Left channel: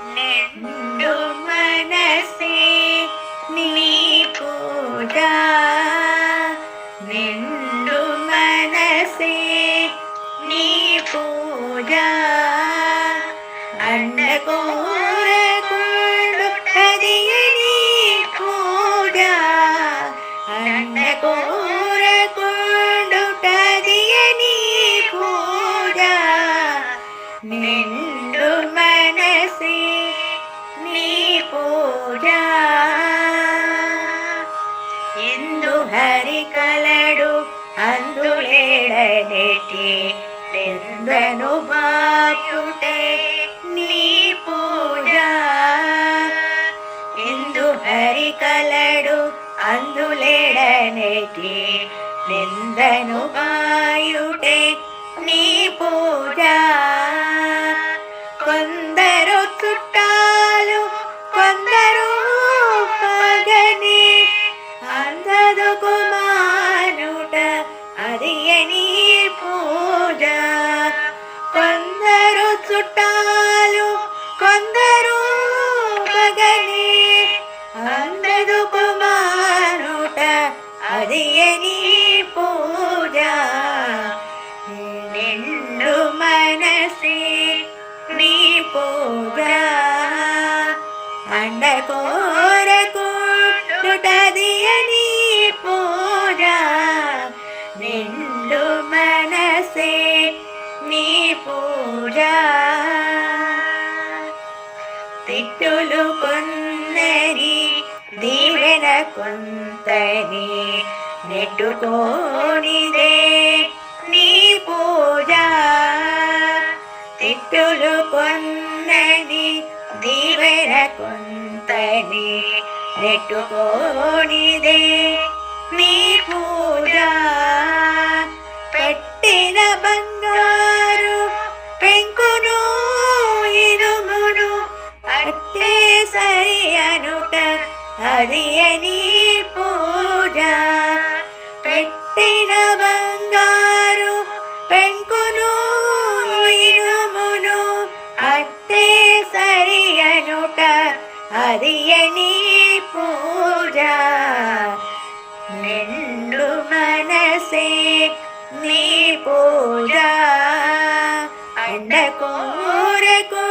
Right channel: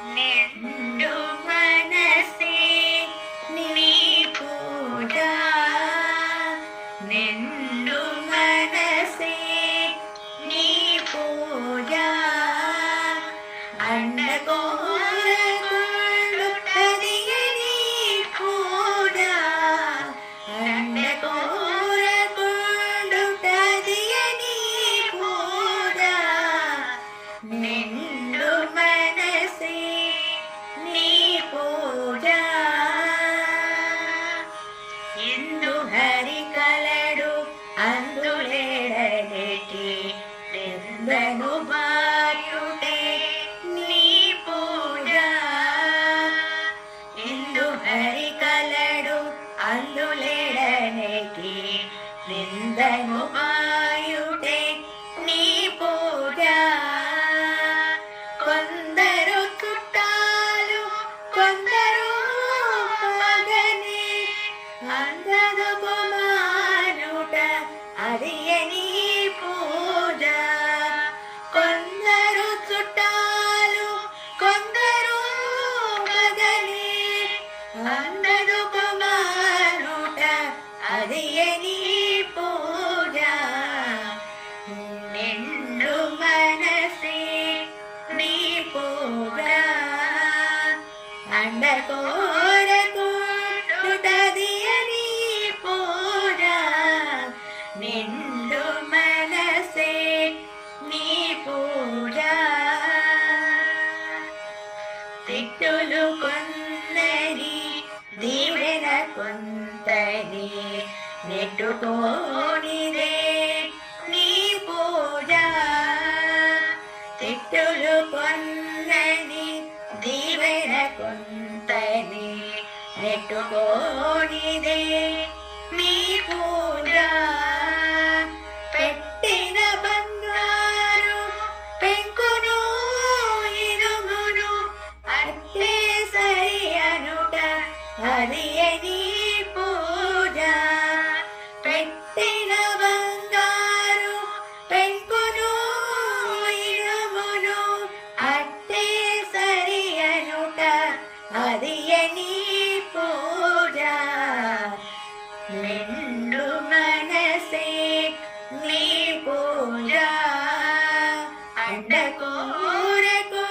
నిండు మనసే నీ పూజ, నిండు మనసే నీ పూజ, అండకోరకుండుటది నీ పూజ, అండకోరకుండుటది నీ పూజ, నిండు మనసే నీ పూజ. ಎಂದು ಹರಿ ಕಲಡು అందులేడನೆಟಿ ನಿಂದನು ಬಾಯುಟೆ ನೀ ಪೂಜ, ಎಂದು ಹರಿ ಕಲಡು అందులేడನೆಟಿ ನಿಂದನು ಬಾಯುಟೆ ನೀ పూజ. కొందరు చుట్టాలు కొందరు పగని అందదుకు మానుట అది నీ పూజ. కొందరు చుట్టాలు కొందరు పగని అందదుకు మానుట అది నీ పూజ. నిండు మనసే నీ పూజ, అండకోరకుండుటది నీ పూజ, నిండు మనసే నీ పూజ. తిట్టులు కొందరి దీవెన కొంతని నెట్టుకోనిదే నీ పూజ. తిట్టులు కొన్నది దీవెన కొంతని నెట్టుకోనిదే నీ పూజ. పెట్టిన బంగారు పెంకును ఇనుమును అట్టే సరి అనుట అది నీ పూజ. పెట్టిన బంగారు పెంకును ఇనుమును అట్టే సరి అనుట అది నీ పూజ. నిండు మనసే నీ పూజ, అండకోరకు